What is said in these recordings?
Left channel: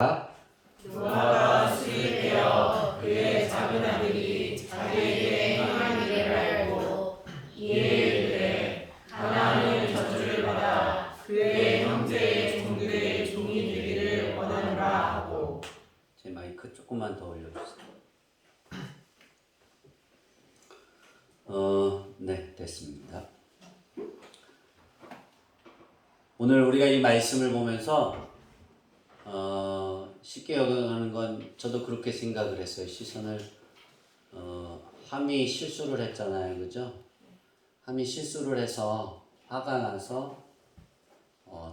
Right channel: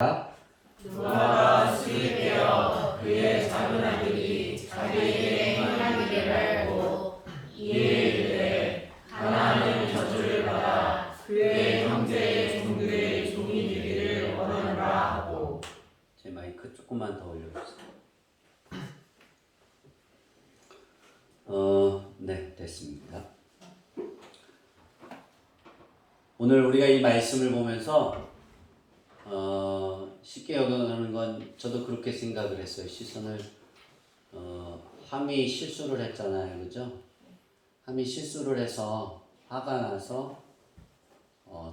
노아가 수입되어 그의 작은 아들이 자기에게 행한 일을 알고 이에 이르되 가나안은 저주를 받아 그의 형제의 종들의 종이 되기를 원하노라 하고. 제 마이크 조금만 더 올려주세요. 네, 됐습니다. 오늘 우리가 이 말씀을 보면서 쉽게 여기는 건 저도 그렇게 생각을 했어요. 시선을 함이 실수를 했잖아요, 그죠? 함이 실수를 해서 화가 나서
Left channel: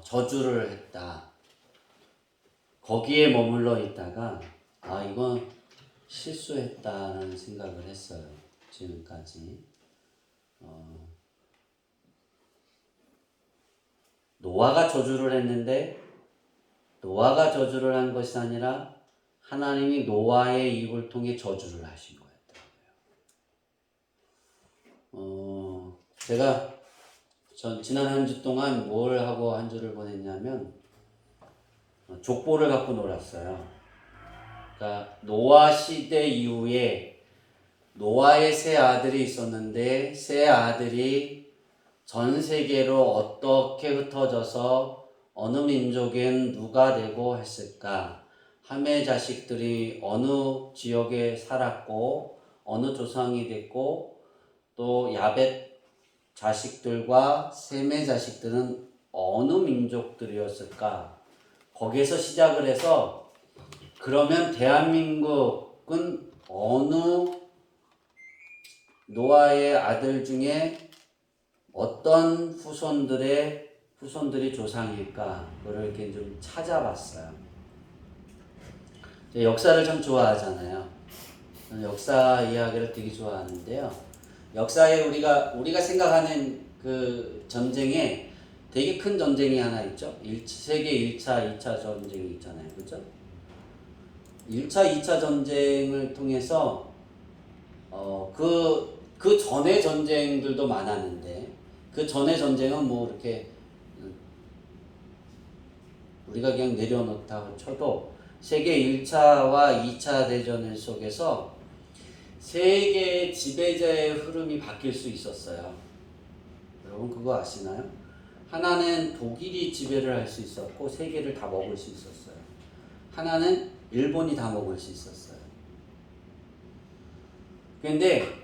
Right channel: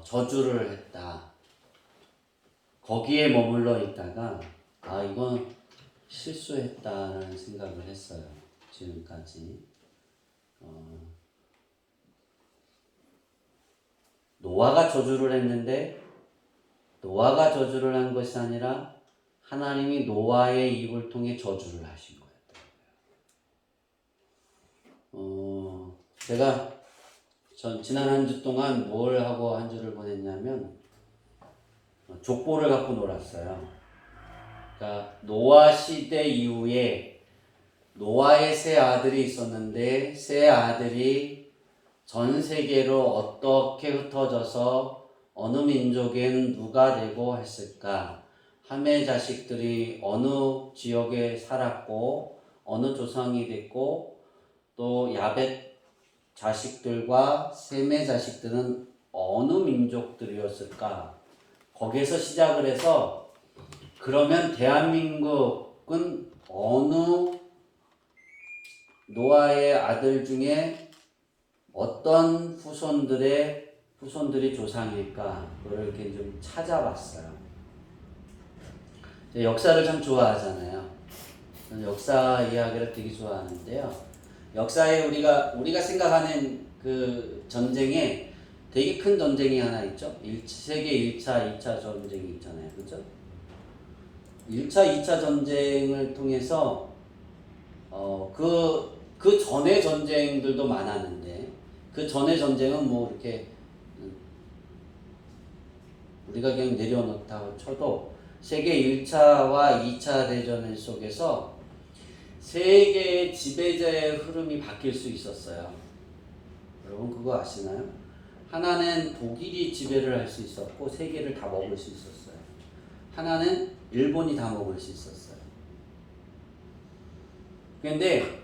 저주를 했다. 거기에 머물러 있다가 이건 실수했다는 생각을 했어요. 지금까지 노아가 저주를 했는데 노아가 저주를 한 것이 아니라 하나님이 노아의 입을 통해 저주를 하신 거였더라고요. 제가 지난 한 주 동안 뭘 하고 한 주를 보냈냐면 족보를 갖고 놀았어요. 그러니까 노아 시대 이후에 노아의 세 아들이 있었는데 세 아들이 전 세계로 어떻게 흩어져서 어느 민족엔 누가 되고 했을까? 함의 자식들이 어느 지역에 살았고 어느 조상이 됐고 또 야벳 자식들과 셈의 자식들은 어느 민족들이었을까? 거기에서 시작을 해서 그러면 대한민국은 어느 노아의 아들 중에 어떤 후손들이 조상일까? 그걸 이렇게 좀 찾아봤어요. 역사를 참 좋아하잖아요. 역사 이야기를 되게 좋아하는데요. 역사에 우리가 생각하는 그 전쟁에 되게 큰 전쟁이 하나 있죠. 세계 1차, 2차 전쟁이 있잖아요. 그죠? 1차, 2차 전쟁을 통해서 그 전의 전쟁들도 많았는데 그 전의 전쟁은 뭐 이렇게 우리가 그냥 내려놓다고 쳐도 세계 1차와 2차 대전 속에서 세계 지배자의 흐름이 바뀔 수 있었어요. 여러분 그거 아시나요? 하나는 독일이 지배를 할 수 있었고 세계를 다 먹을 수 있었어요. 하나는 일본이 다 먹을 수 있었어요. 그런데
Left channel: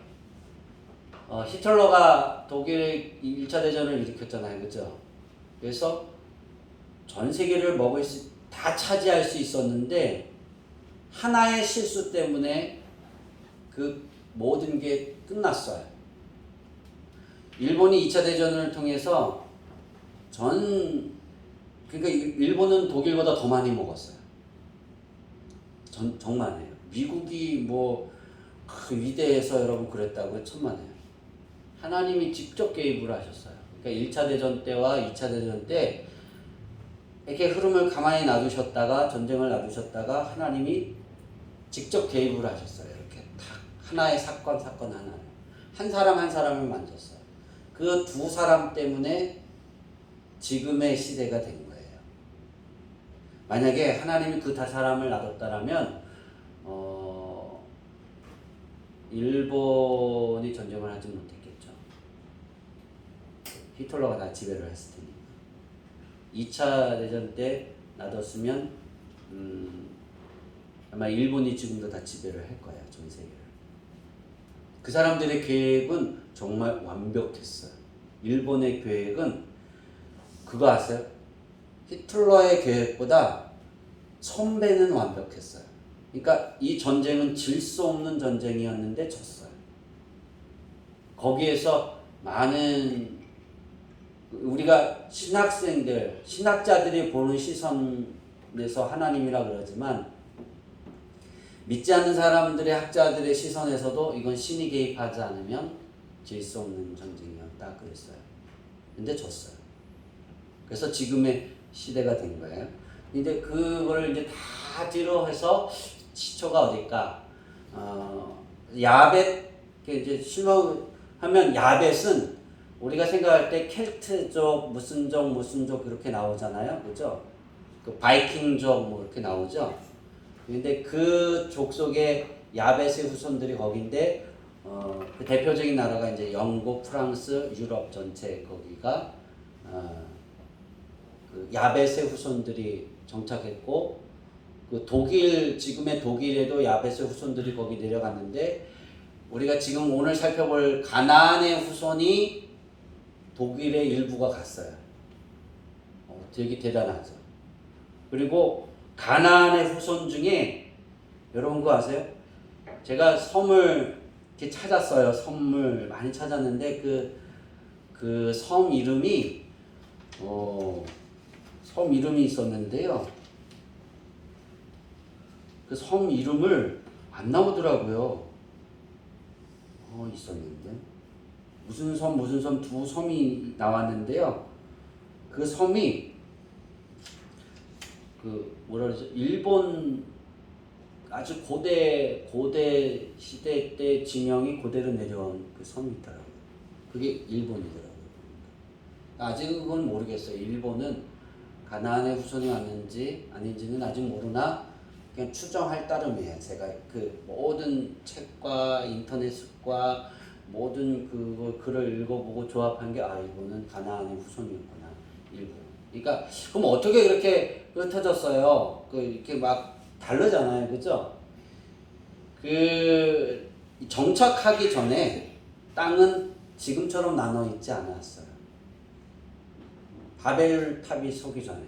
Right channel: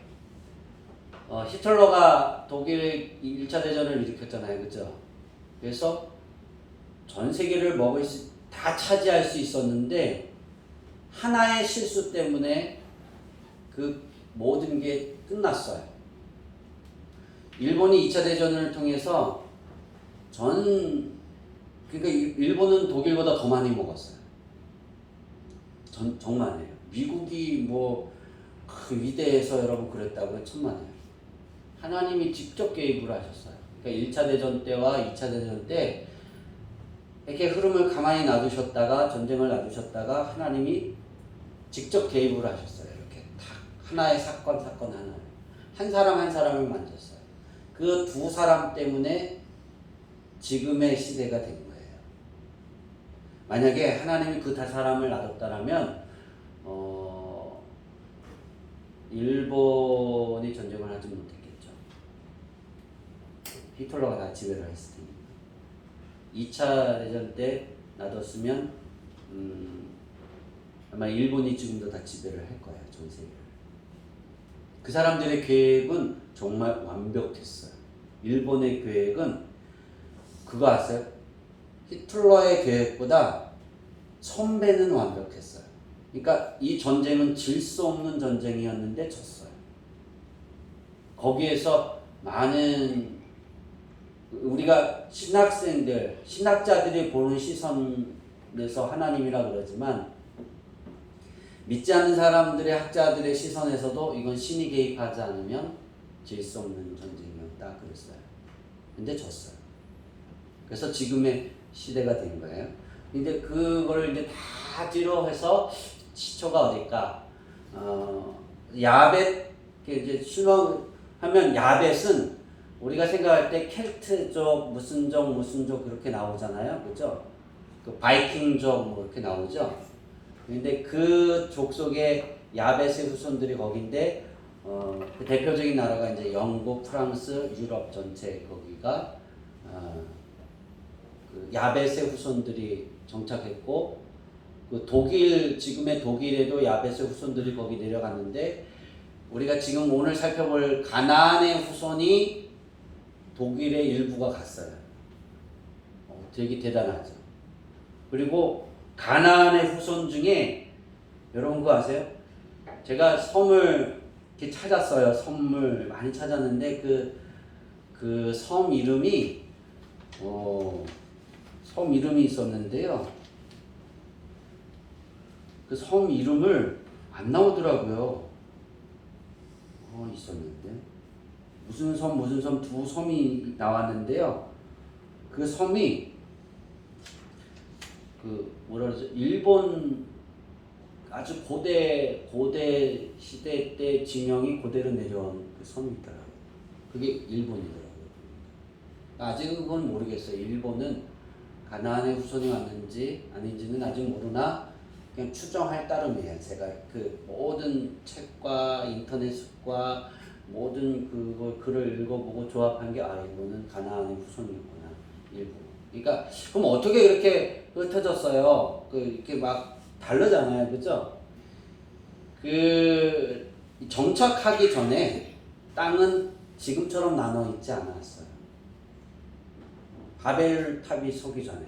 히틀러가 독일 1차 대전을 일으켰잖아요. 그죠? 그래서 전 세계를 다 차지할 수 있었는데 하나의 실수 때문에 그 모든 게 끝났어요. 일본이 2차 대전을 통해서 그러니까 일본은 독일보다 더 많이 먹었어요. 정말이에요. 미국이 위대해서 여러분 그랬다고요? 천만에요. 하나님이 직접 개입을 하셨어요. 그러니까 1차 대전 때와 2차 대전 때 이렇게 흐름을 가만히 놔두셨다가 전쟁을 놔두셨다가 하나님이 직접 개입을 하셨어요. 이렇게 딱 하나의 사건 하나 한 사람 한 사람을 만졌어요. 그 두 사람 때문에 지금의 시대가 된 거예요. 만약에 하나님이 그 다 사람을 놔뒀다라면 일본이 전쟁을 하지 못했겠죠. 히틀러가 다 지배를 했을 테니. 2차 대전 때 놔뒀으면 아마 일본이 지금도 다 지배를 할 거예요. 전 세계를. 그 사람들의 계획은 정말 완벽했어요. 일본의 계획은 그거 아세요? 히틀러의 계획보다 1000배는 완벽했어요. 그러니까 이 전쟁은 질 수 없는 전쟁이었는데 졌어요. 거기에서 많은 우리가 신학자들이 보는 시선에서 하나님이라 그러지만 믿지 않는 사람들의 학자들의 시선에서도 이건 신이 개입하지 않으면 질 수 없는 전쟁이었다 그랬어요. 근데 졌어요. 그래서 지금의 시대가 된 거예요. 근데 그걸 이제 다 뒤로 해서 시초가 어딜까? 야벳 이제 실명하면 야벳은 우리가 생각할 때 켈트족 무슨 족 그렇게 나오잖아요, 그죠? 그 그 바이킹족으로 이렇게 나오죠. 근데 그 족속의 야벳의 후손들이 거긴데 그 대표적인 나라가 이제 영국, 프랑스, 유럽 전체 거기가 그 야벳의 후손들이 정착했고 그 독일 지금의 독일에도 야벳의 후손들이 거기 내려갔는데 우리가 지금 오늘 살펴볼 가나안의 후손이 독일의 일부가 갔어요. 되게 대단하죠. 그리고 가나안의 후손 중에 여러분 그거 아세요? 제가 섬을 이렇게 찾았어요. 섬을 많이 찾았는데 그 섬 이름이 섬 이름이 있었는데요. 그 섬 이름을 안 나오더라고요. 있었는데 무슨 섬 두 섬이 나왔는데요. 그 섬이 그 뭐라 그러죠? 일본 아주 고대 시대 때 지명이 그대로 내려온 그 섬이 있더라고요. 그게 일본이더라고요. 아직은 그건 모르겠어요. 일본은 가나안의 후손이 왔는지 아닌지는 아직 모르나 그냥 추정할 따름이에요. 제가 그 모든 책과 인터넷과 모든 그 글을 읽어보고 조합한 게 이거는 가나안의 후손이었구나. 일본. 그러니까 그럼 어떻게 이렇게 흩어졌어요? 이렇게 막 다르잖아요, 그죠? 그 정착하기 전에 땅은 지금처럼 나눠 있지 않았어요. 바벨 탑이 서기 전에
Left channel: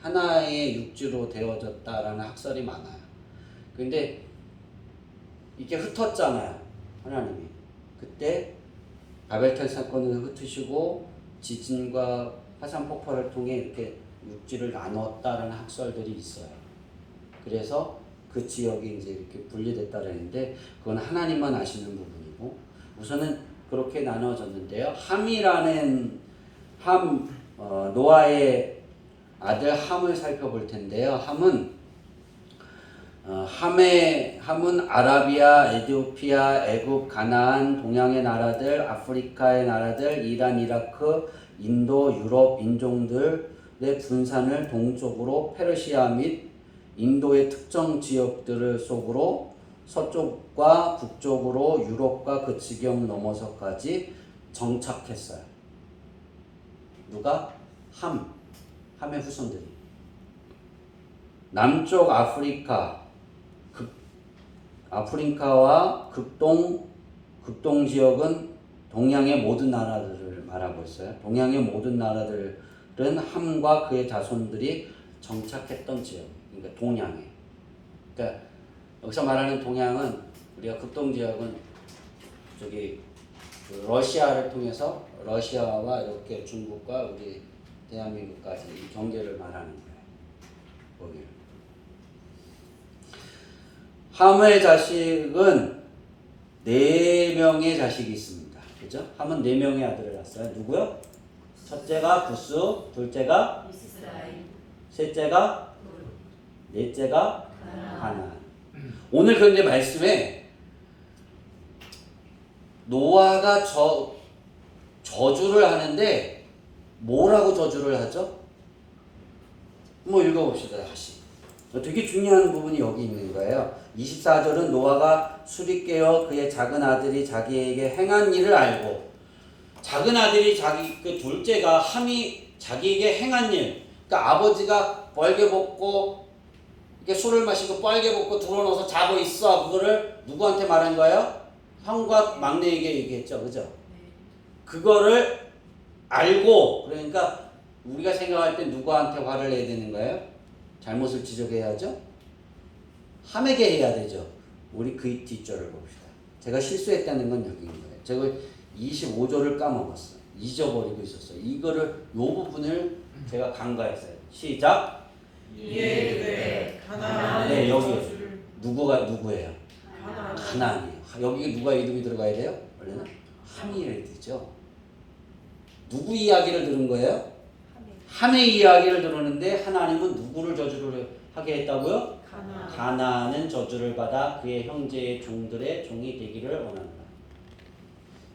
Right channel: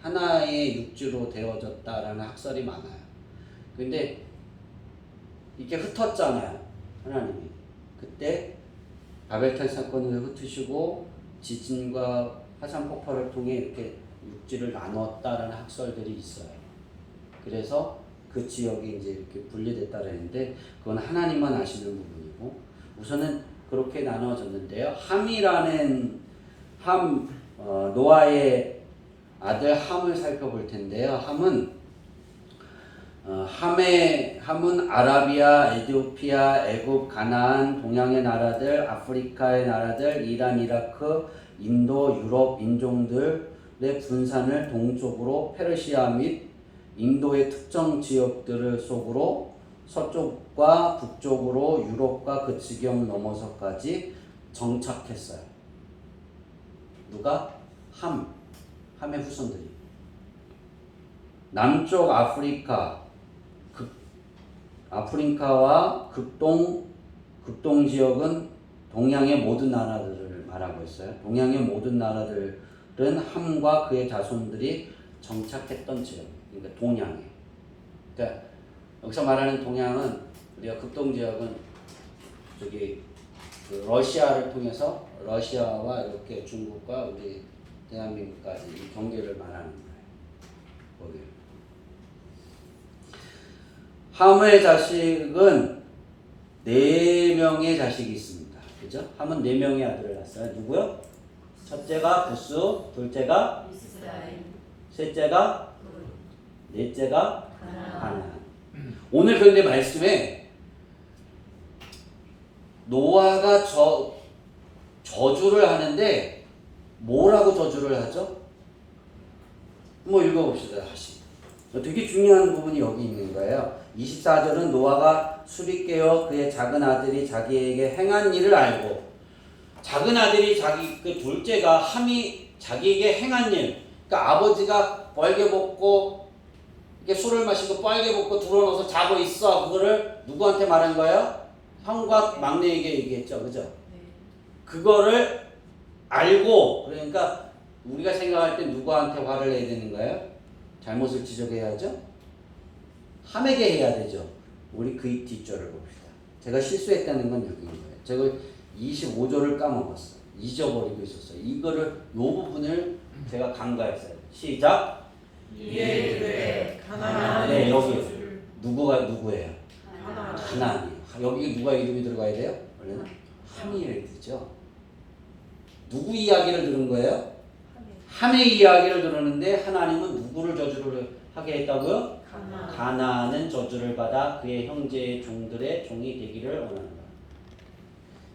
하나의 육지로 되어졌다라는 학설이 많아요. 근데 이게 흩었잖아요, 하나님이. 그때 바벨탑 사건을 흩으시고 지진과 화산 폭발을 통해 이렇게 육지를 나눴다라는 학설들이 있어요. 그래서 그 지역이 이제 이렇게 분리됐다라는데 그건 하나님만 아시는 부분이고 우선은 그렇게 나눠졌는데요. 노아의 아들 함을 살펴볼 텐데요. 함은 아라비아, 에티오피아, 애굽, 가나안, 동양의 나라들, 아프리카의 나라들, 이란, 이라크, 인도, 유럽 인종들의 분산을 동쪽으로 페르시아 및 인도의 특정 지역들을 속으로 서쪽과 북쪽으로 유럽과 그 지경 넘어서까지 정착했어요. 누가? 함의 후손들이. 남쪽 아프리카와 극동 지역은 동양의 모든 나라들을 말하고 있어요. 동양의 모든 나라들은 함과 그의 자손들이 정착했던 지역. 그러니까 동양에. 그러니까 여기서 말하는 동양은 우리가 극동 지역은 저기 그 러시아를 통해서 러시아와 이렇게 중국과 우리 대한민국까지 이 경계를 말하는 거예요. 거기. 함의 자식은 4명의 자식이 있습니다. 그죠? 함은 4명의 아들을 낳았어요. 누구요? 첫째가 구스, 둘째가 이스라엘, 셋째가 넷째가 가나안. 오늘 그런데 말씀에 노아가 저주를 하는데 뭐라고 저주를 하죠? 뭐 읽어봅시다. 다시. 되게 중요한 부분이 여기 있는 거예요. 24절은 노아가 술이 깨어 그의 작은 아들이 자기에게 행한 일을 알고, 작은 아들이 그 둘째가 함이 자기에게 행한 일, 그러니까 아버지가 뻘게 먹고 이렇게 술을 마시고 뻘게 먹고 들어놓아서 자고 있어. 그거를 누구한테 말한 거예요? 형과 막내에게 얘기했죠. 그죠? 그거를 알고, 그러니까 우리가 생각할 때 누구한테 화를 내야 되는 거예요? 잘못을 지적해야죠. 함에게 해야 되죠. 우리 그 뒷절을 봅시다. 제가 실수했다는 건 여기인 거예요. 제가 25절을 까먹었어요. 잊어버리고 있었어요. 이거를 요 부분을 제가 간과했어요. 시작. 이에 네, 여기 누구예요? 가나안이에요. 여기 누가 이름이 들어가야 돼요? 원래는 함이 되죠. 누구 이야기를 들은 거예요? 함의 이야기를 들었는데 하나님은 누구를 저주를 하게 했다고요? 가나안은 저주를 받아 그의 형제의 종들의 종이 되기를 원한다.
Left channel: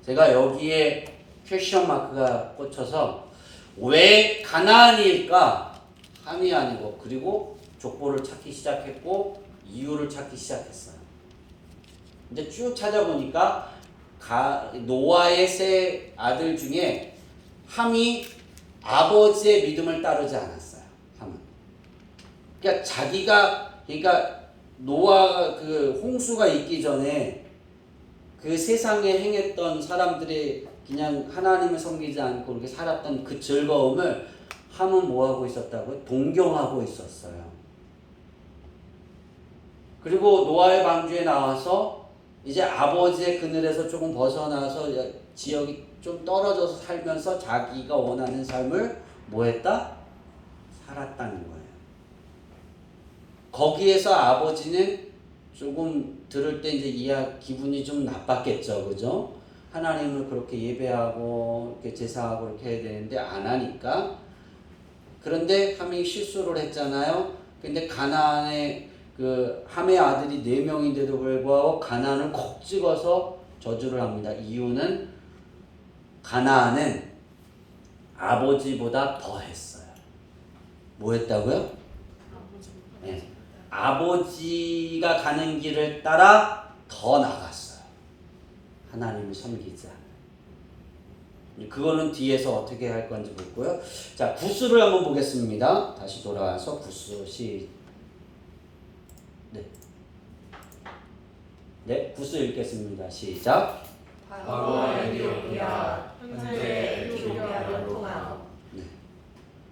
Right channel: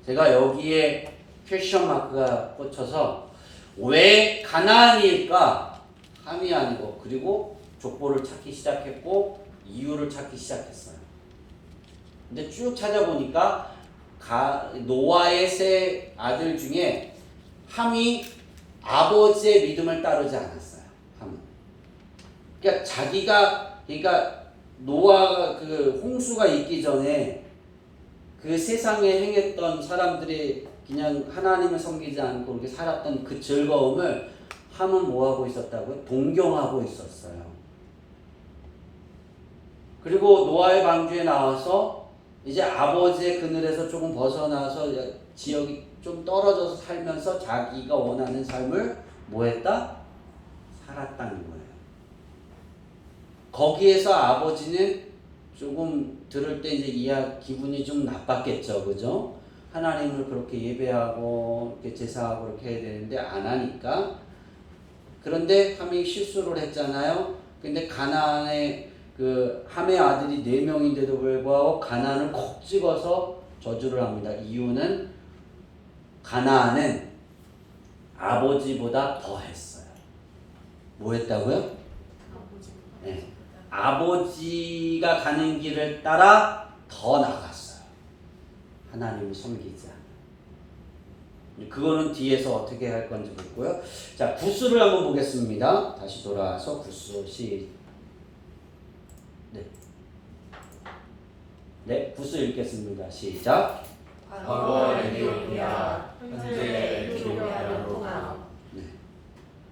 제가 여기에 퀘스천 마크가 꽂혀서 왜 가나안일까 함이 아니고 그리고 족보를 찾기 시작했고 이유를 찾기 시작했어요. 근데 쭉 찾아보니까 노아의 세 아들 중에 함이 아버지의 믿음을 따르지 않았어요. 함은. 그러니까 노아가 그 홍수가 있기 전에 그 세상에 행했던 사람들이 그냥 하나님을 섬기지 않고 그렇게 살았던 그 즐거움을 함은 뭐하고 있었다고요? 동경하고 있었어요. 그리고 노아의 방주에 나와서 이제 아버지의 그늘에서 조금 벗어나서 지역이 좀 떨어져서 살면서 자기가 원하는 삶을 뭐했다? 살았다는 거예요. 거기에서 아버지는 조금 들을 때 이제 기분이 좀 나빴겠죠, 그죠? 하나님을 그렇게 예배하고 이렇게 제사하고 이렇게 해야 되는데 안 하니까. 그런데 함이 실수를 했잖아요. 근데 가나안의 그 함의 아들이 4명인데도 불구하고 가나안을 콕 찍어서 저주를 합니다. 이유는 가나안은 아버지보다 더 했어요. 뭐 했다고요? 네. 아버지가 가는 길을 따라 더 나갔어요. 하나님을 섬기지 않아요. 그거는 뒤에서 어떻게 할 건지 보고요. 자, 구스를 한번 보겠습니다. 다시 돌아와서 구스 네, 구스 읽겠습니다. 시작. 과거 에티오피아, 현재 에티오피아로 통합.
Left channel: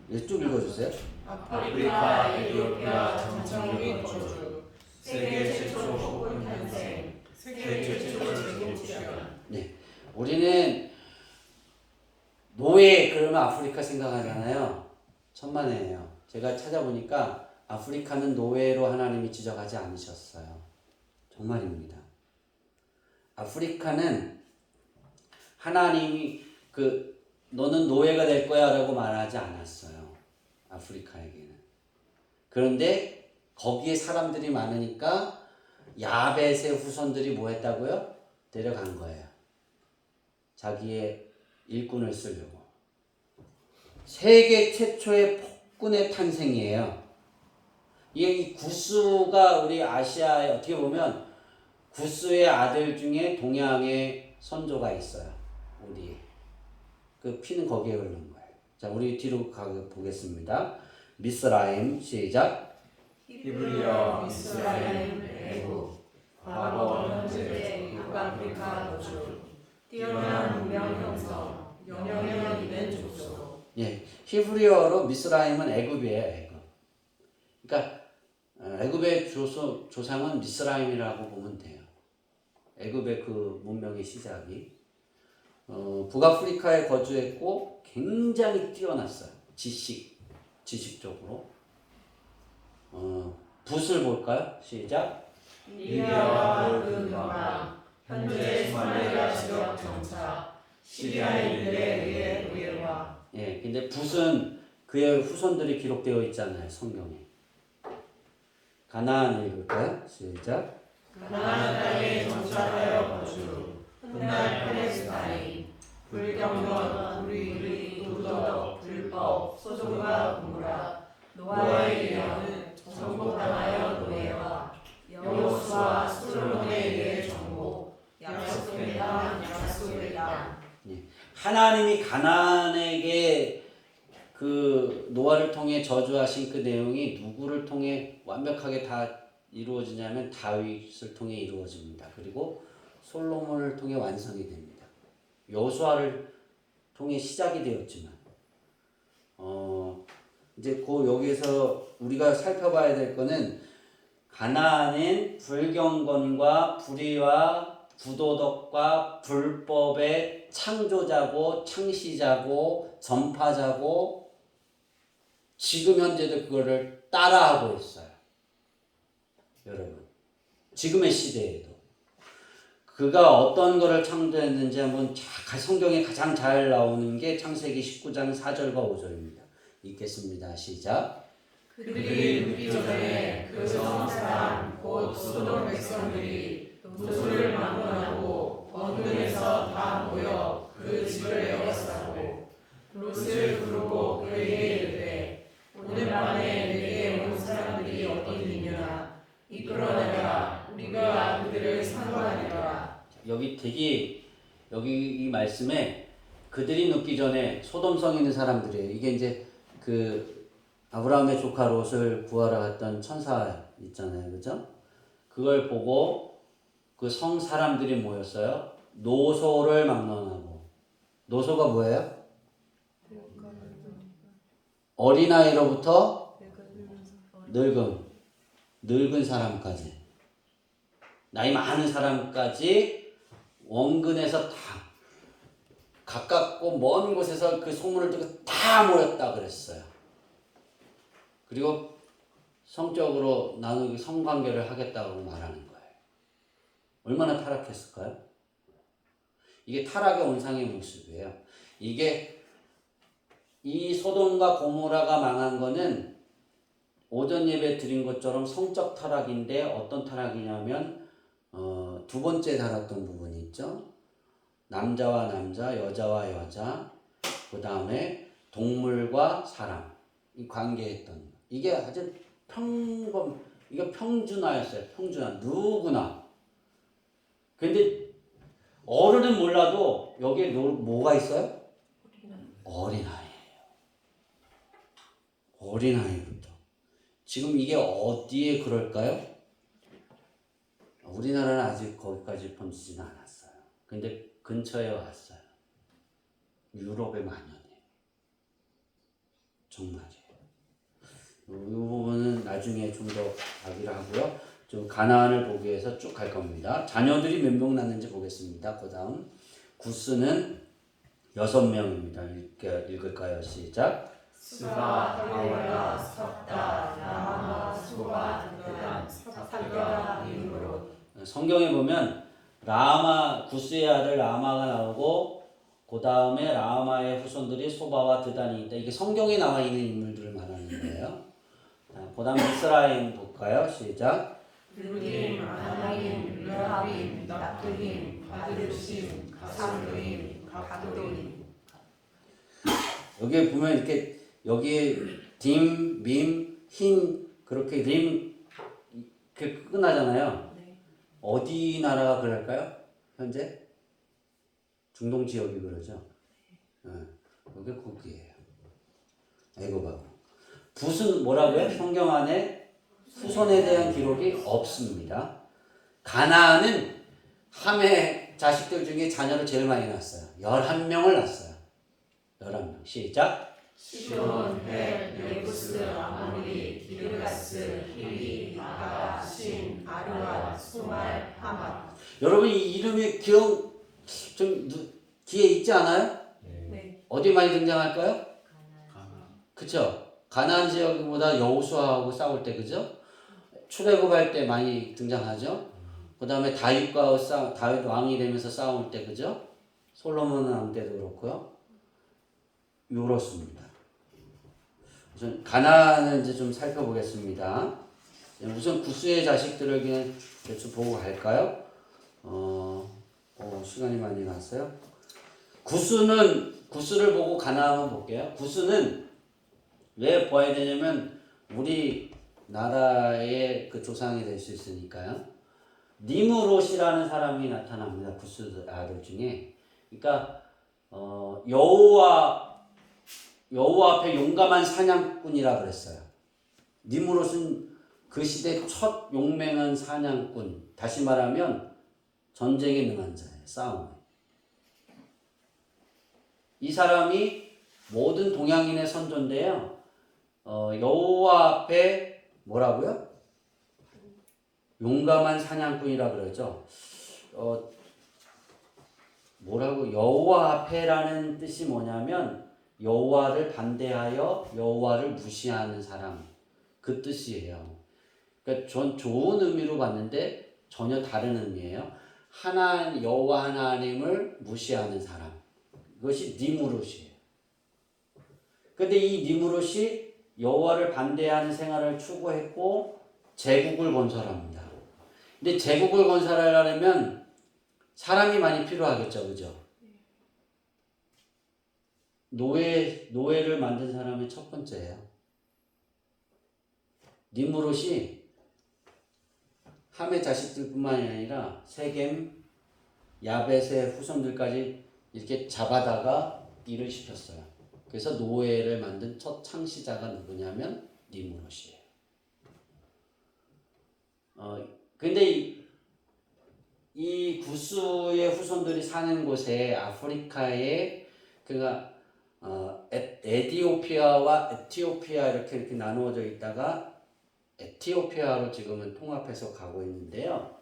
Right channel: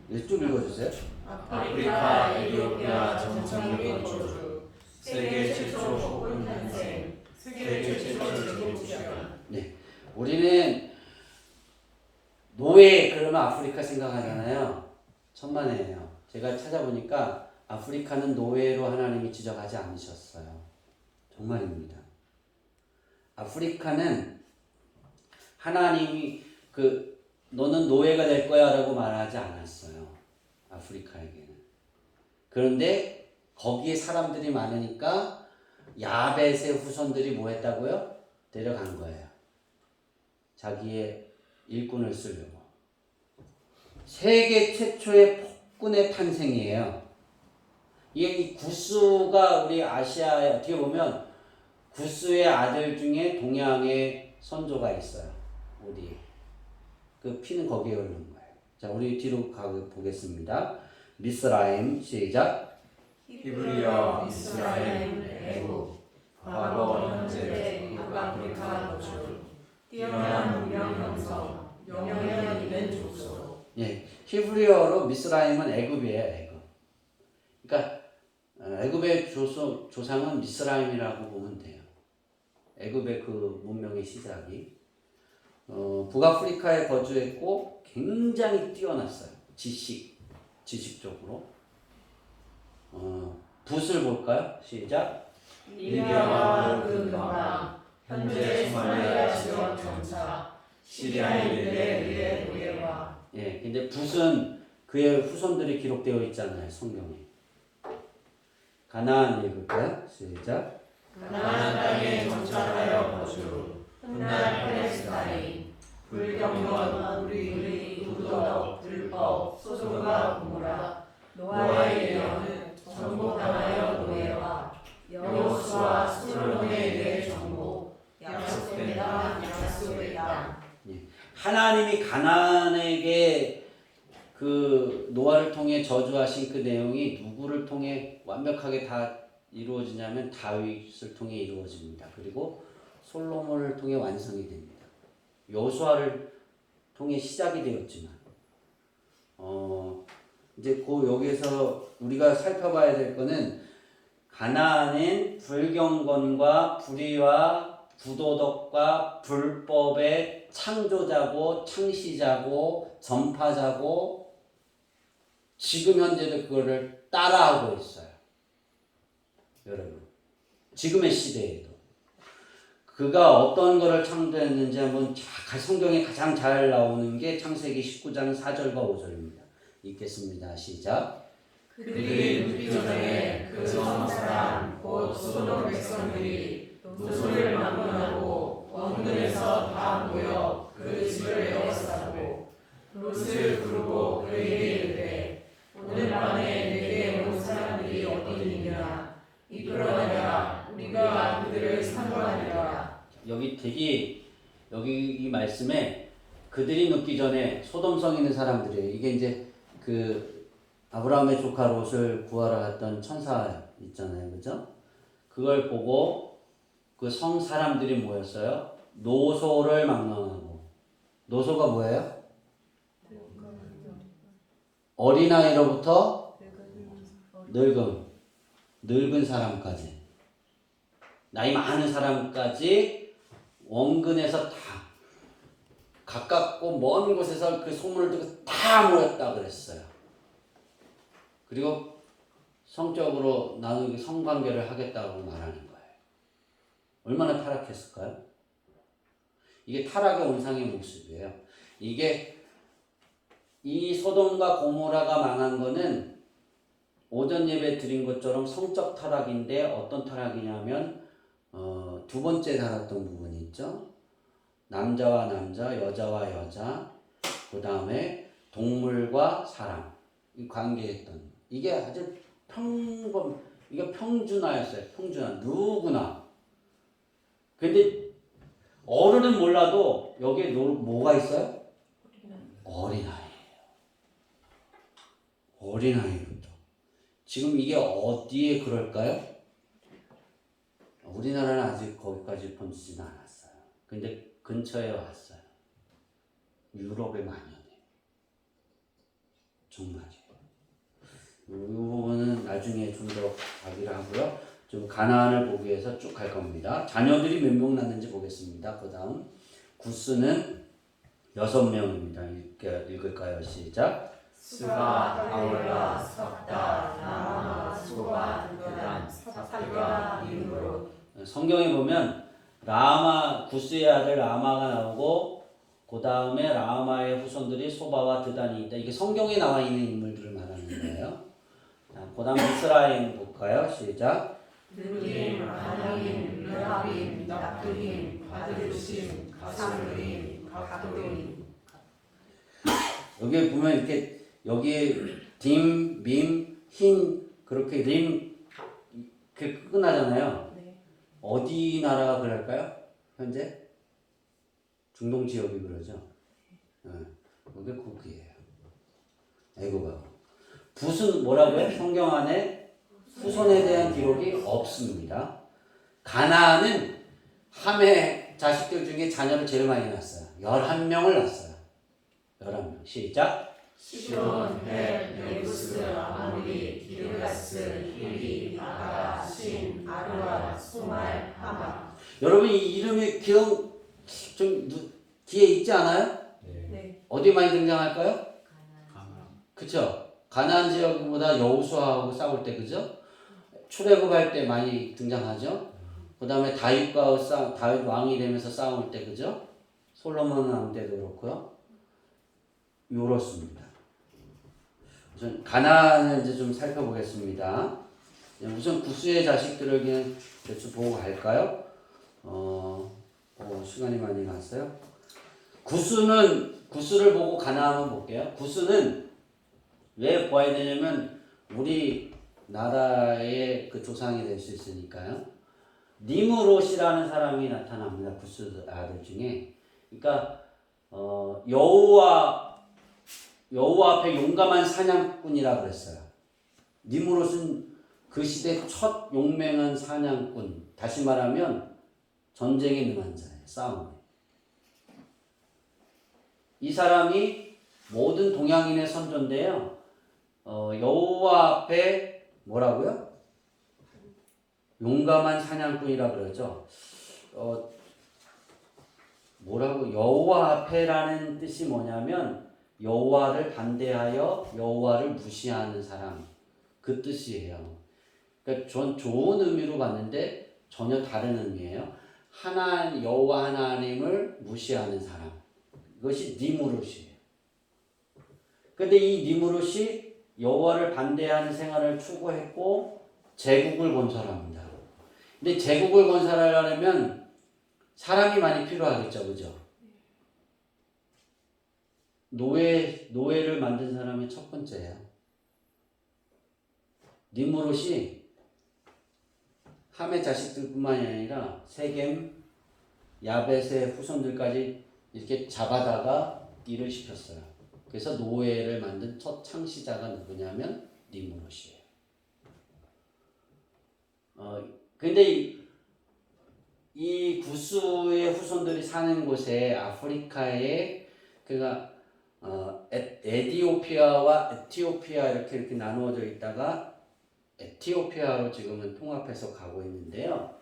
네, 쭉 읽어주세요. 아프리카, 에티오피아 정착 거주. 세계 최초 폭군 탄생. 세계 최초 제국 시간. 네, 우리는 노예 그러면 아프리카 생각하잖아요. 천만에요. 제가 찾아보니까 아프리카는 노예로 하나님이 지적하지 않으셨어요. 정말입니다. 아프리카는 하나님이 너는 노예가 될 거야 라고 말하지 않았어요. 아프리카에게는. 그런데 거기에 사람들이 많으니까 야벳의 후손들이 뭐 했다고요? 데려간 거예요. 자기의 일꾼을 쓰려고. 세계 최초의 폭군의 탄생이에요. 이 구스가 우리 아시아에 어떻게 보면 구스의 아들 중에 동양의 선조가 있어요. 우리 그 피는 거기에 흐르는 거예요. 자, 우리 뒤로 보겠습니다. 미스라임 시작. 히브리어, 이스라엘, 애굽, 과거, 현재, 북아프리카 거주. 뛰어난 문명 형성, 영향력 있는 족속. 예, 히브리어로 미스라임은 애굽이에요. 애굽. 그러니까 애굽의 조상은 미스라임이라고 보면 돼요. 애굽의 그 문명의 시작이 북아프리카에 거주했고 굉장히 뛰어났어요. 지식적으로. 붓을 볼까요? 시작. 리비아와 그 병랑, 현재 소말리아 지역 정착, 시리아인들의 노예와. 예, 근데 붓은 그의 후손들이 기록되어 있잖아요, 성경에. 가나안 읽을까요? 시작. 가나안 땅에 정착하여 거주. 훗날 팔레스타인. 불경건, 우리, 우도덕, 불법, 소돔과 고모라. 노아의 예언은 정복당하여 노예와 여호수아 솔로몬에 의해 정복. 약속된 땅, 약속의 땅. 하나님이 가나안에게 그 노아를 통해 저주하신 그 내용이 누구를 통해 완벽하게 다 이루어지냐면 다윗을 통해 이루어집니다. 그리고 솔로몬을 통해 완성이 됩니다. 여호수아를 통해 시작이 되었지만 이제 여기에서 우리가 살펴봐야 될 거는 가나안은 불경건과 불의와 부도덕과 불법의 창조자고 창시자고 전파자고 지금 현재도 그거를 따라하고 있어요. 여러분, 지금의 시대에도 그가 어떤 거를 창조했는지 한번 성경에 가장 잘 나오는 게 창세기 19장 4절과 5절입니다. 읽겠습니다. 시작. 그들이 묻기 전에 그 성사람 곧 소돔 백성들이 노소를 막론하고 원근에서 다 모여 그 집을 에워싸고 롯을 부르고 그에게 이르되 오늘 밤에 이끌어내라. 우리가 그들을 상관하리라. 여기 되게 여기 이 말씀에 그들이 눕기 전에 소돔성에 있는 사람들이에요. 이게 이제 그 아브라함의 조카 롯을 구하러 갔던 천사 있잖아요, 그죠? 그걸 보고 그 성 사람들이 모였어요. 노소를 막론하고. 노소가 뭐예요? 어린아이로부터 늙은 사람까지, 나이 많은 사람까지 원근에서 다 가깝고 먼 곳에서 그 소문을 듣고 다 모였다 그랬어요. 그리고 성적으로 나누기 성관계를 하겠다고 말하는 거예요. 얼마나 타락했을까요? 이게 타락의 원상의 모습이에요. 이게 이 소돔과 고모라가 망한 거는 오전 예배 드린 것처럼 성적 타락인데 어떤 타락이냐면 두 번째 다뤘던 부분이 있죠. 남자와 남자, 여자와 여자, 그 다음에 동물과 사람 이 관계했던 이게 아주 이게 평준화였어요. 평준화 누구나. 근데 어른은 몰라도 여기에 뭐가 있어요? 어린아이예요. 어린아이부터. 지금 이게 어디에 그럴까요? 우리나라는 아직 거기까지 번지지는 않았어요. 근데 근처에 왔어요. 유럽의 만연해. 정말이에요. 이 부분은 나중에 좀 더 가기로 하고요. 좀 가나안을 보기 위해서 쭉 갈 겁니다. 자녀들이 몇 명 낳는지 보겠습니다. 그 다음 구스는 6명입니다. 읽을까요? 시작. 스가, 하월라, 삽다, 라마, 소바, 요단, 살가, 님으로. 성경에 보면 라마 구스의 아들 라마가 나오고 그 다음에 라마의 후손들이 소바와 드단이 있다. 이게 성경에 나와 있는 인물들을 말하는 거예요. 그 다음 이스라엘 볼까요? 시작. 느림, 아나임, 르하빔, 납두임, 바드루심, 가스루임, 각도임. 여기 보면 이렇게 여기에 딤, 밈, 흰 그렇게 림 이렇게 끝나잖아요. 네. 어디 나라가 그럴까요? 현재 중동 지역이 그러죠. 그게 국기예요. 애굽하고. 붓은 뭐라고요? 성경 안에 후손에 대한 기록이 없습니다. 가나안은 함의 자식들 중에 자녀를 제일 많이 낳았어요. 11명을 낳았어요. 11명. 시작. 시돈, 헬, 예부스, 아모리, 기르가스, 히리, 아가, 신, 아르와, 수말, 하마. 여러분 이 이름이 기억 좀 귀에 있지 않아요? 네. 어디 많이 등장할까요? 그쵸? 가나안 지역보다 여호수아하고 싸울 때 그죠? 출애굽할 때 많이 등장하죠. 그 다음에 다윗 왕이 되면서 싸울 때 그죠? 솔로몬 왕 때도 그렇고요. 요렇습니다. 우선 가나안을 이제 좀 살펴보겠습니다. 우선 구스의 자식들을 그냥 대충 보고 갈까요? 시간이 많이 갔어요. 구스를 보고 가나안을 볼게요. 구스는 왜 보아야 되냐면 우리 나라의 그 조상이 될 수 있으니까요. 니므롯이라는 사람이 나타납니다. 구스 아들 중에. 그러니까 여호와 앞에 용감한 사냥꾼이라 그랬어요. 니므롯은 그 시대 첫 용맹한 사냥꾼. 다시 말하면 전쟁에 능한 자예요. 싸움에. 이 사람이 모든 동양인의 선조인데요. 여호와 앞에 뭐라고요? 용감한 사냥꾼이라 그러죠. 뭐라고 여호와 앞에라는 뜻이 뭐냐면 여호와를 반대하여 여호와를 무시하는 사람 그 뜻이에요. 그러니까 전 좋은 의미로 봤는데 전혀 다른 의미예요. 여호와 하나님을 무시하는 사람 그것이 니므롯이에요. 근데 이 니므롯이 여호와를 반대하는 생활을 추구했고 제국을 건설합니다. 근데 제국을 건설하려면 사람이 많이 필요하겠죠, 그죠? 노예를 만든 사람이 첫 번째예요. 니므롯이 함의 자식들뿐만이 아니라 세겜, 야벳의 후손들까지 이렇게 잡아다가 일을 시켰어요. 그래서 노예를 만든 첫 창시자가 누구냐면 니므롯이에요. 근데 이 구스의 후손들이 사는 곳에 아프리카에 그가 에디오피아와 에티오피아 이렇게 나누어져 있다가 에티오피아로 지금은 통합해서 가고 있는데요.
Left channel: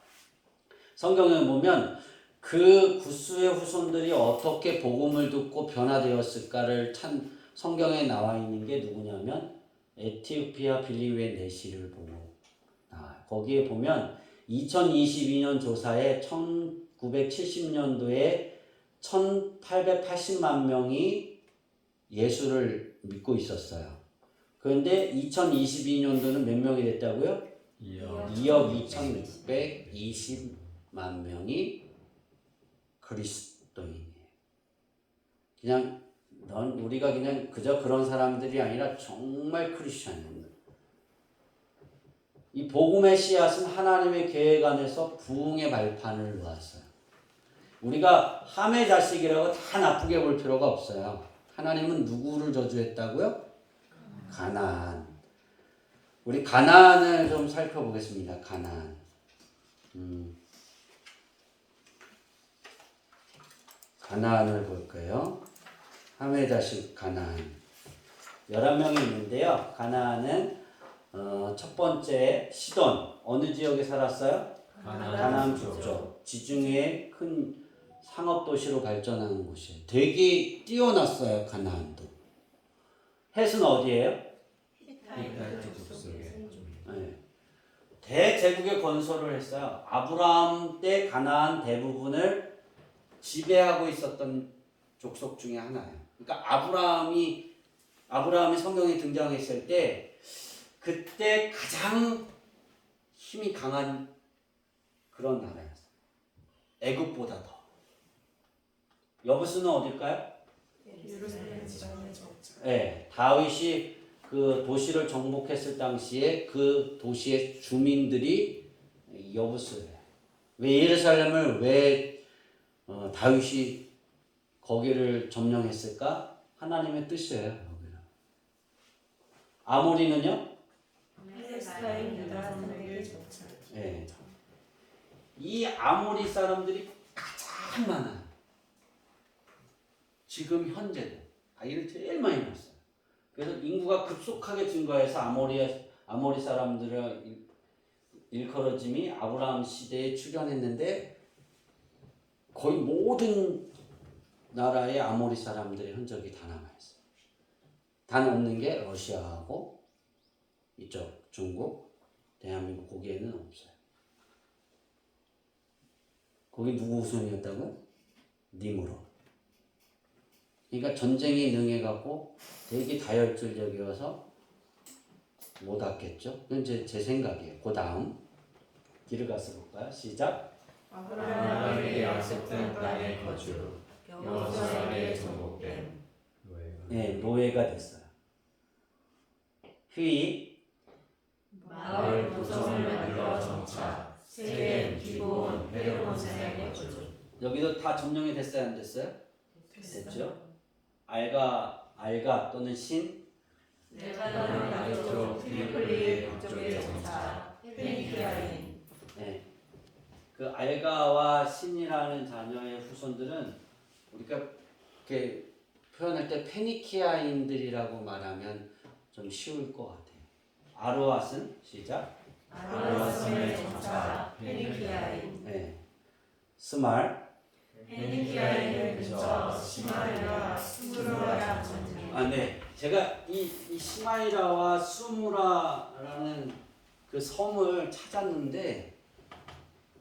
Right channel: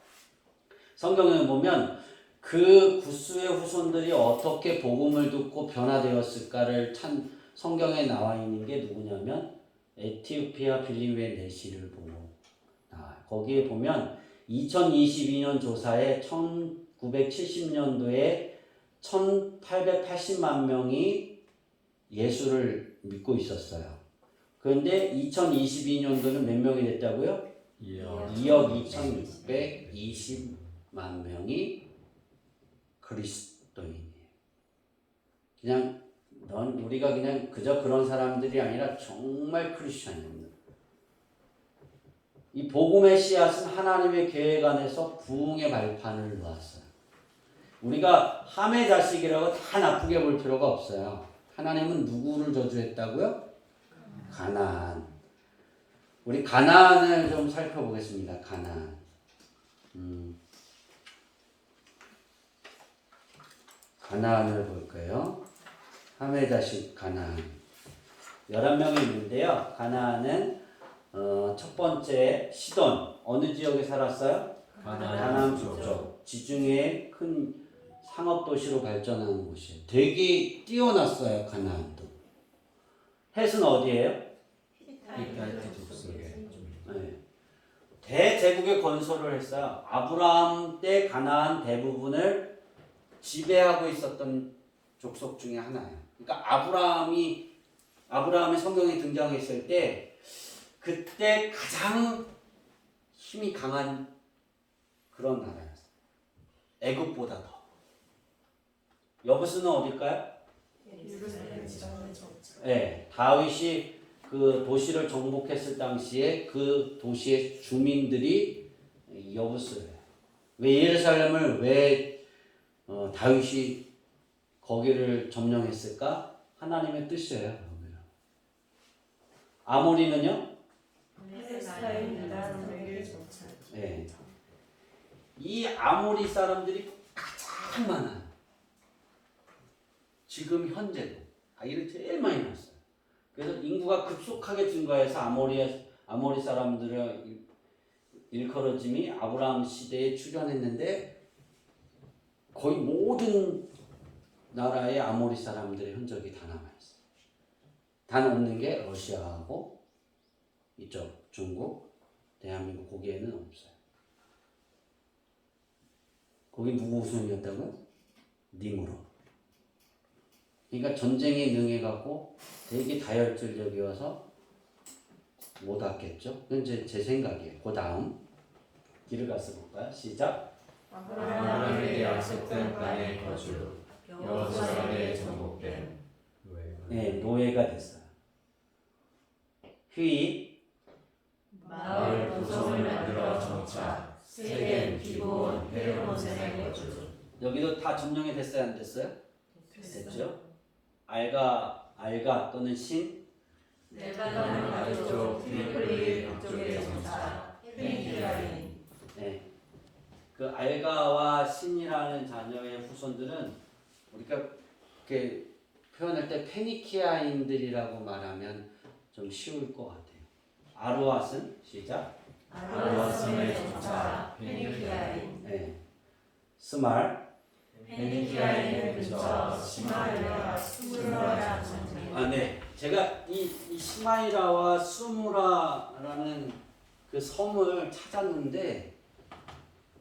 성경에 보면 그 구스의 후손들이 어떻게 복음을 듣고 변화되었을까를 성경에 나와 있는 게 누구냐면 에티오피아 빌리웨 내시를 보고 나와요. 거기에 보면 2022년 조사에 1970년도에 1880만 명이 예수를 믿고 있었어요. 그런데 2022년도는 몇 명이 됐다고요? 2억 2620만 명이 그리스도인이에요. 그냥 우리가 그냥 그저 그런 사람들이 아니라 정말 크리스천입니다. 이 복음의 씨앗은 하나님의 계획 안에서 부흥의 발판을 놓았어요. 우리가 함의 자식이라고 다 나쁘게 볼 필요가 없어요. 하나님은 누구를 저주했다고요? 가나안. 우리 가나안을 좀 살펴보겠습니다. 가나안. 가나안을 볼까요? 함의 자식 가나안. 11명이 있는데요. 가나안은 첫 번째 시돈. 어느 지역에 살았어요? 가나안 북쪽. 지중해 큰 상업도시로 발전하는 곳이에요. 되게 뛰어났어요. 가나안도. 헷은 어디예요? 네. 대제국의 건설을 했어요. 아브라함 때 가나안 대부분을 지배하고 있었던 족속 중에 하나예요. 그러니까 아브라함이 성경에 등장했을 때 그때 가장 힘이 강한 그런 나라였어요. 애굽보다 더. 여부스는 어딜까요? 네, 다윗이 그 도시를 정복했을 당시에 그 도시의 주민들이 여부스예요. 왜 예루살렘을 왜 다윗이 거기를 점령했을까? 하나님의 뜻이에요. 아모리는요? 네. 이 아모리 사람들이 가장 많아요. 지금 현재도 아이를 제일 많이 낳았어요. 그래서 인구가 급속하게 증가해서 아모리 사람들의 일컬어짐이 아브라함 시대에 출현했는데 거의 모든 나라의 아모리 사람들의 흔적이 다 남아있어요. 단 없는 게 러시아하고 이쪽 중국, 대한민국 거기에는 없어요. 거기 누구 우선이었다고요? 니므롯. 그러니까 전쟁에 능해갖고 되게 다혈질적이어서 못 왔겠죠? 이건 제 생각이에요. 그 다음 길을 가서 볼까요? 시작. 아브라함에게 약속된 땅에 거주 여호수아에게 정복된 네, 노예가 됐어요. 휘 마을 도성을 만들어 정착 세겜 기브온 헤브론산에 거주. 여기도 다 점령이 됐어요, 안 됐어요? 됐죠? 알가 또는 신 내가는 가족 트리폴리 북쪽에 정착 페니키아인. 네. 그 알가와 신이라는 자녀의 후손들은 우리가 이렇게 표현할 때 페니키아인들이라고 말하면 좀 쉬울 것 같아요. 아르왓은 시작. 아르왓성에 정착 페니키아인. 네. 스말. 페니키아인을 근처 시마리아 수무라라 전쟁. 네. 제가 이 시마이라와 수무라라는 그 섬을 찾았는데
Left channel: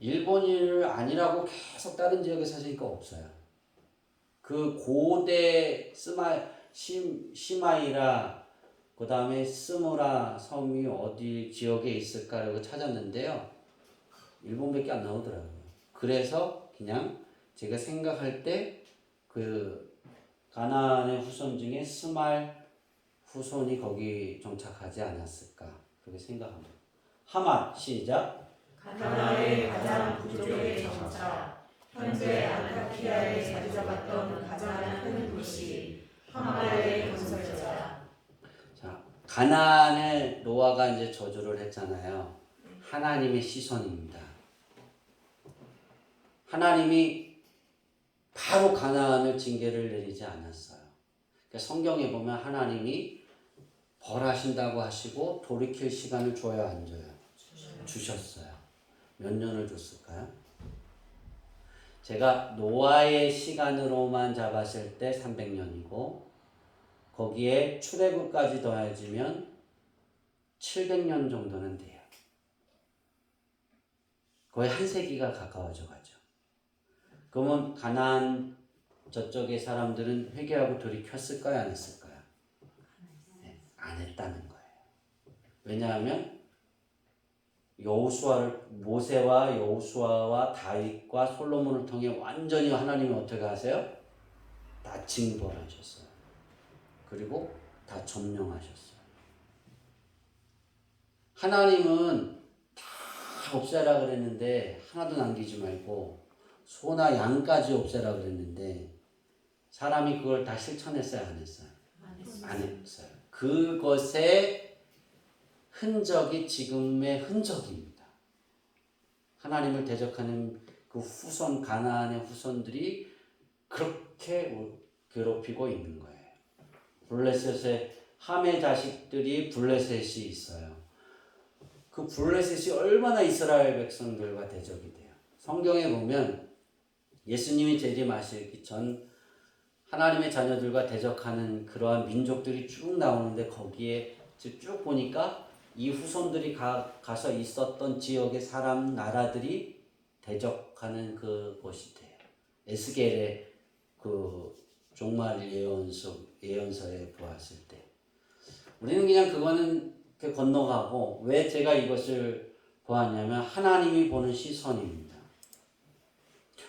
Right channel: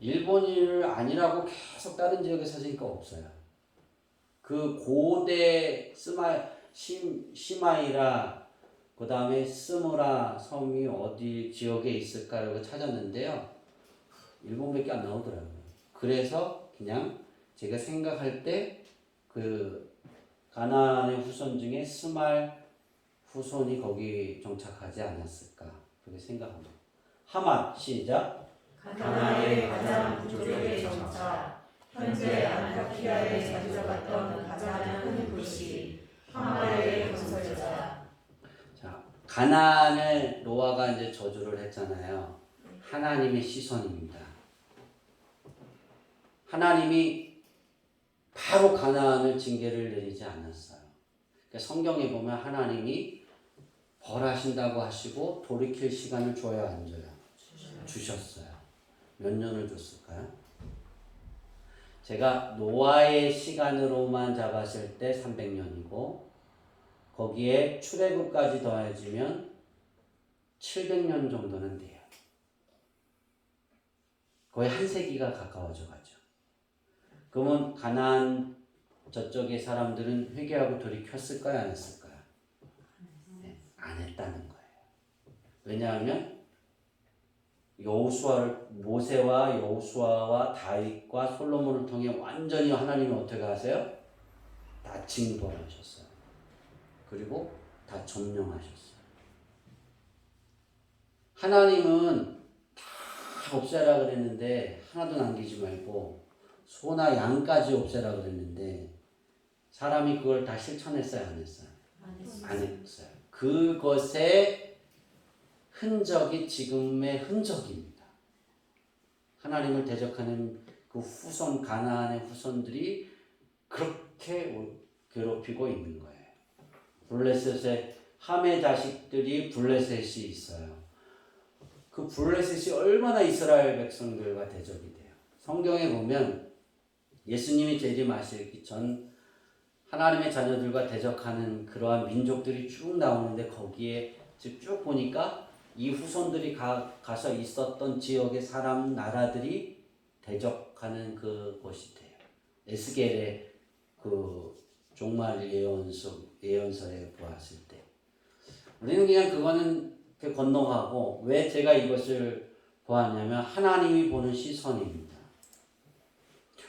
일본인을 아니라고 계속 다른 지역에 찾으니까 없어요. 그 고대 시마이라 그 다음에 스무라 섬이 어디 지역에 있을까라고 찾았는데요. 일본밖에 안 나오더라고요. 그래서 그냥 제가 생각할 때 그 가나안의 후손 중에 스말 후손이 거기 정착하지 않았을까 그렇게 생각합니다. 하맛 시작. 가나안의 가장 북쪽의 정차, 현재 안타키아에 자리 잡았던 가장 큰 도시 하마의 건설자. 자, 가나안을 노아가 이제 저주를 했잖아요. 하나님의 시선입니다. 하나님이 바로 가나안을 징계를 내리지 않았어요. 그러니까 성경에 보면 하나님이 벌하신다고 하시고 돌이킬 시간을 줘요, 안 줘요? 주셨어요. 몇 년을 줬을까요? 제가 노아의 시간으로만 잡았을 때 300년이고 거기에 출애굽까지 더해지면 700년 정도는 돼요. 거의 한 세기가 가까워져 가죠. 그러면 가나안 저쪽의 사람들은 회개하고 돌이켰을까요? 안 했을까요? 네, 안 했다는 거예요. 왜냐하면 모세와 여호수아와 다윗과 솔로몬을 통해 완전히 하나님이 어떻게 하세요? 다 징벌하셨어요. 그리고 다 점령하셨어요. 하나님은 다 없애라 그랬는데 하나도 남기지 말고 소나 양까지 없애라 그랬는데 사람이 그걸 다 실천했어요? 안 했어요? 안 했어요. 그것의 흔적이 지금의 흔적입니다. 하나님을 대적하는 그 후손, 가나안의 후손들이 그렇게 괴롭히고 있는 거예요. 블레셋의 함의 자식들이 블레셋이 있어요. 그 블레셋이 얼마나 이스라엘 백성들과 대적이 돼요. 성경에 보면 예수님이 재림하시기 전 하나님의 자녀들과 대적하는 그러한 민족들이 쭉 나오는데 거기에 쭉 보니까 이 후손들이 가서 있었던 지역의 사람 나라들이 대적하는 그곳이 돼요. 에스겔의 그 종말 예언서에 보았을 때 우리는 그냥 그거는 건너가고 왜 제가 이것을 보았냐면 하나님이 보는 시선입니다.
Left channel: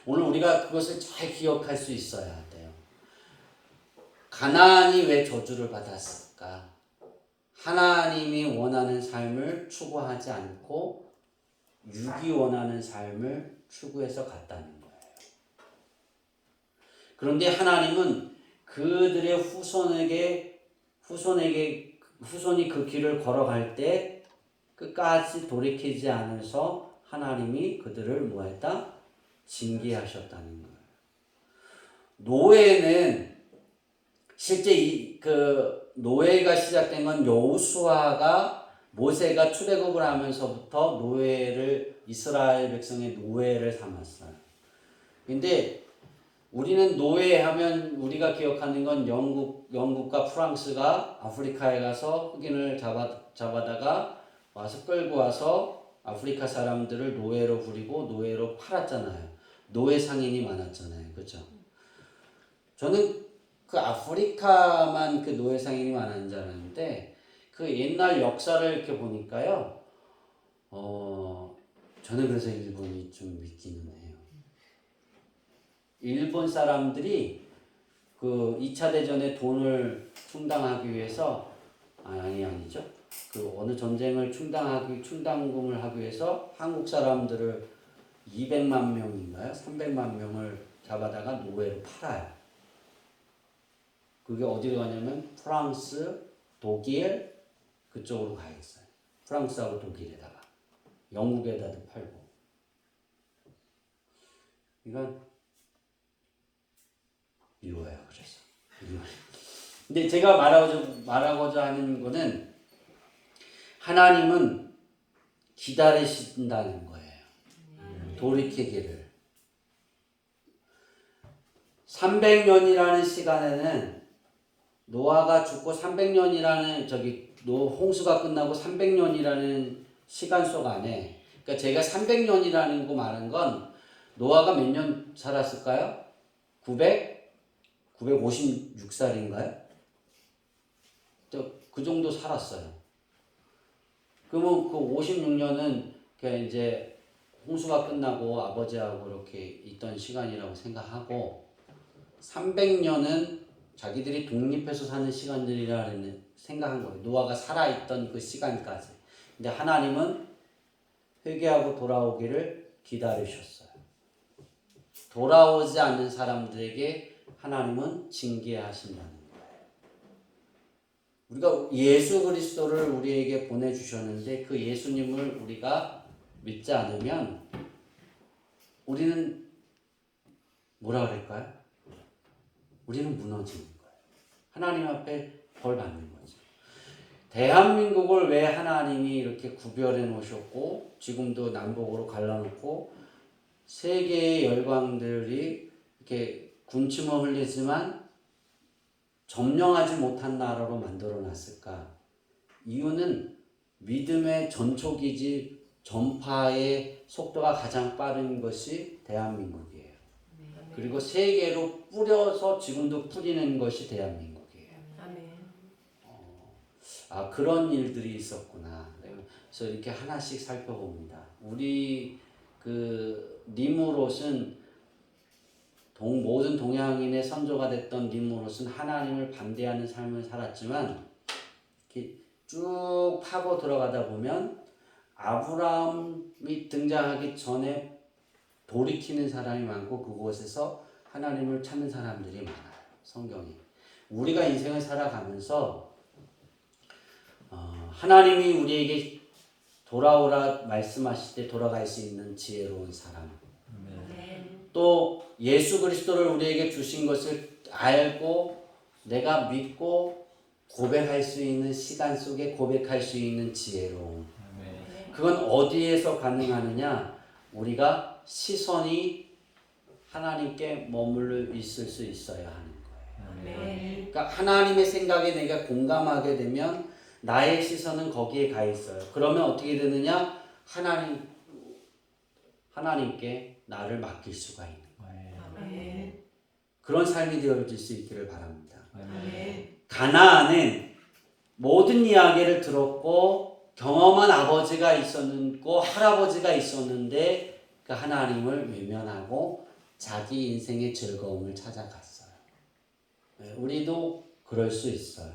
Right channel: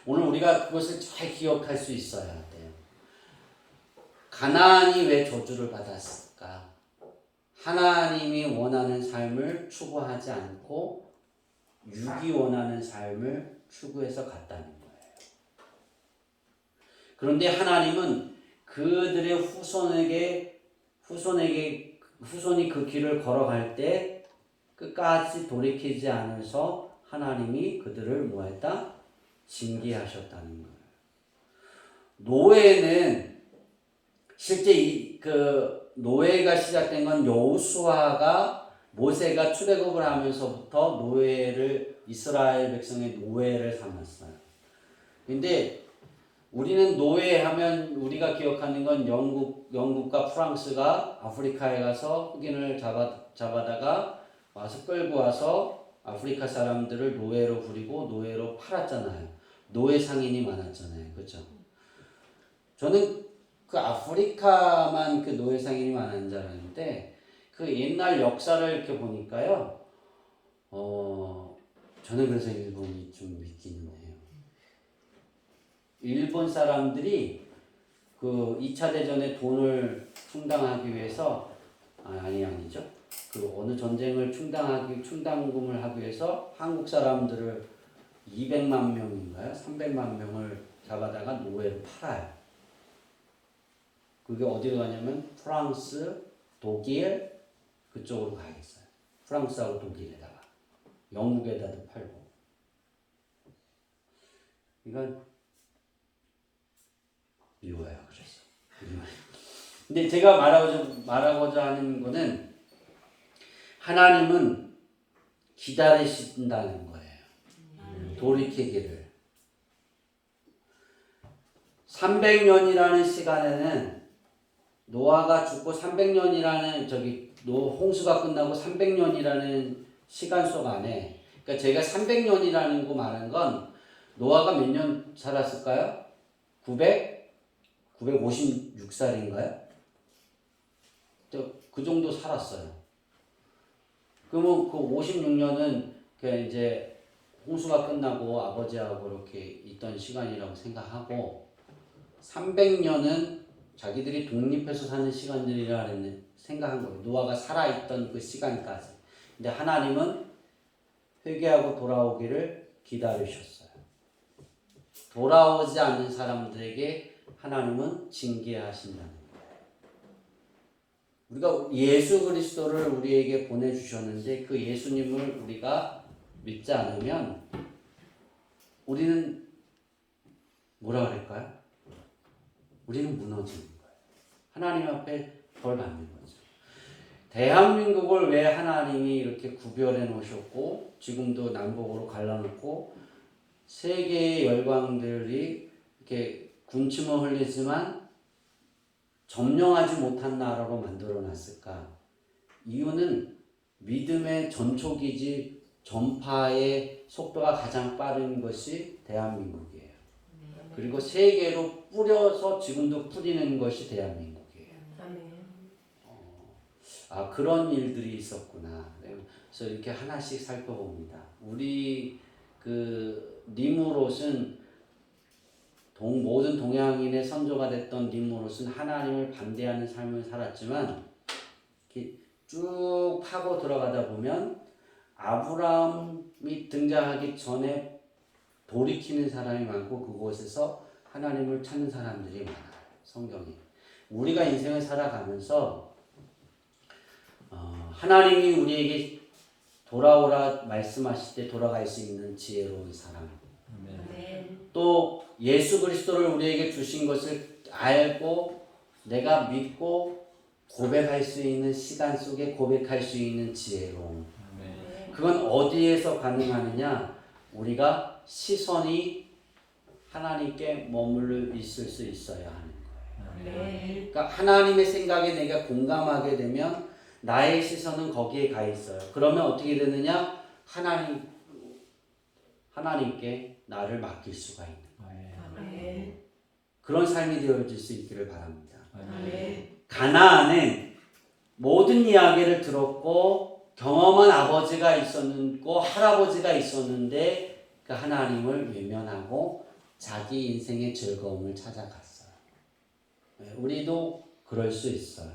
오늘 우리가 그것을 잘 기억할 수 있어야 돼요. 가나안이 왜 저주를 받았을까? 하나님이 원하는 삶을 추구하지 않고 육이 원하는 삶을 추구해서 갔다는 거예요. 그런데 하나님은 그들의 후손이 그 길을 걸어갈 때 끝까지 돌이키지 않아서 하나님이 그들을 뭐했다? 징계하셨다는 거예요. 노예는 실제 노예가 시작된 건 여호수아가 모세가 출애굽을 하면서부터 이스라엘 백성의 노예를 삼았어요. 근데 우리는 노예하면 우리가 기억하는 건 영국과 프랑스가 아프리카에 가서 흑인을 잡아다가 와서 끌고 와서 아프리카 사람들을 노예로 부리고 노예로 팔았잖아요. 노예 상인이 많았잖아요. 그렇죠? 저는 그 아프리카만 그 노예 상인이 많은 줄 알았는데 그 옛날 역사를 이렇게 보니까요. 저는 그래서 일본이 좀 믿기는 해요. 일본 사람들이 그 2차 대전의 돈을 충당하기 위해서 아니죠. 그 어느 전쟁을 충당금을 하기 위해서 한국 사람들을 200만 명인가요? 300만 명을 잡아다가 노예로 팔아요. 그게 어디로 가냐면 프랑스, 독일 그쪽으로 가겠어요. 프랑스하고 독일에다가 영국에다도 팔고. 이건 미워요. 그래서. 근데 제가 말하고자 하는 거는 하나님은 기다리신다는 거예요. 돌이키기를. 300년이라는 시간에는 노아가 죽고 300년이라는 홍수가 끝나고 300년이라는 시간 속 안에 그러니까 제가 300년이라는 거 말한 건 노아가 몇 년 살았을까요? 956살인가요? 그 정도 살았어요. 그러면 그 56년은 그냥 이제 홍수가 끝나고 아버지하고 이렇게 있던 시간이라고 생각하고 300년은 자기들이 독립해서 사는 시간들이라는 생각한 거예요. 노아가 살아있던 그 시간까지. 근데 하나님은 회개하고 돌아오기를 기다리셨어요. 돌아오지 않는 사람들에게 하나님은 징계하신다는 거예요. 우리가 예수 그리스도를 우리에게 보내주셨는데 그 예수님을 우리가 믿지 않으면 우리는 뭐라 그럴까요? 우리는 무너지는 거예요. 하나님 앞에 벌 받는 거죠. 대한민국을 왜 하나님이 이렇게 구별해 놓으셨고 지금도 남북으로 갈라놓고 세계의 열강들이 이렇게 군침을 흘리지만 점령하지 못한 나라로 만들어 놨을까? 이유는 믿음의 전초기지 전파의 속도가 가장 빠른 것이 대한민국이에요. 그리고 세계로 뿌려서 지금도 뿌리는 것이 대한민국이에요. 그런 일들이 있었구나. 그래서 이렇게 하나씩 살펴봅니다. 우리 니무롯은 모든 동양인의 선조가 됐던 니무롯은 하나님을 반대하는 삶을 살았지만 이렇게 쭉 파고 들어가다 보면 아브라함이 등장하기 전에 돌이키는 사람이 많고 그곳에서 하나님을 찾는 사람들이 많아요. 성경이. 우리가 인생을 살아가면서 하나님이 우리에게 돌아오라 말씀하실 때 돌아갈 수 있는 지혜로운 사람. 또 예수 그리스도를 우리에게 주신 것을 알고 내가 믿고 고백할 수 있는 시간 속에 고백할 수 있는 지혜로움. 그건 어디에서 가능하느냐? 우리가 시선이 하나님께 머물러 있을 수 있어야 하는 거예요. 그러니까 하나님의 생각에 내가 공감하게 되면 나의 시선은 거기에 가 있어요. 그러면 어떻게 되느냐? 하나님께 나를 맡길 수가 있는 거예요. 그런 삶이 되어질 수 있기를 바랍니다. 가나안은 모든 이야기를 들었고 경험한 아버지가 있었고 할아버지가 있었는데 그 하나님을 외면하고 자기 인생의 즐거움을 찾아갔어요. 우리도 그럴 수 있어요.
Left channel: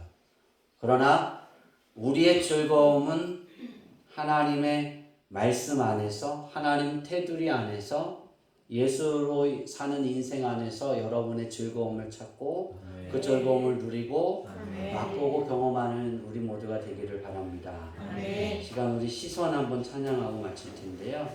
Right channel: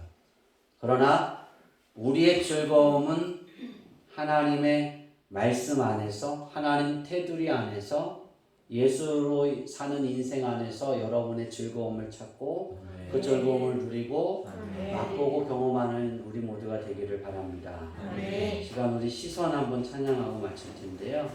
그러나 우리의 즐거움은 하나님의 말씀 안에서 하나님 테두리 안에서 예수로 사는 인생 안에서 여러분의 즐거움을 찾고 그 즐거움을 누리고 맛보고 경험하는 우리 모두가 되기를 바랍니다. 시간 우리 시선 한번 찬양하고 마칠 텐데요.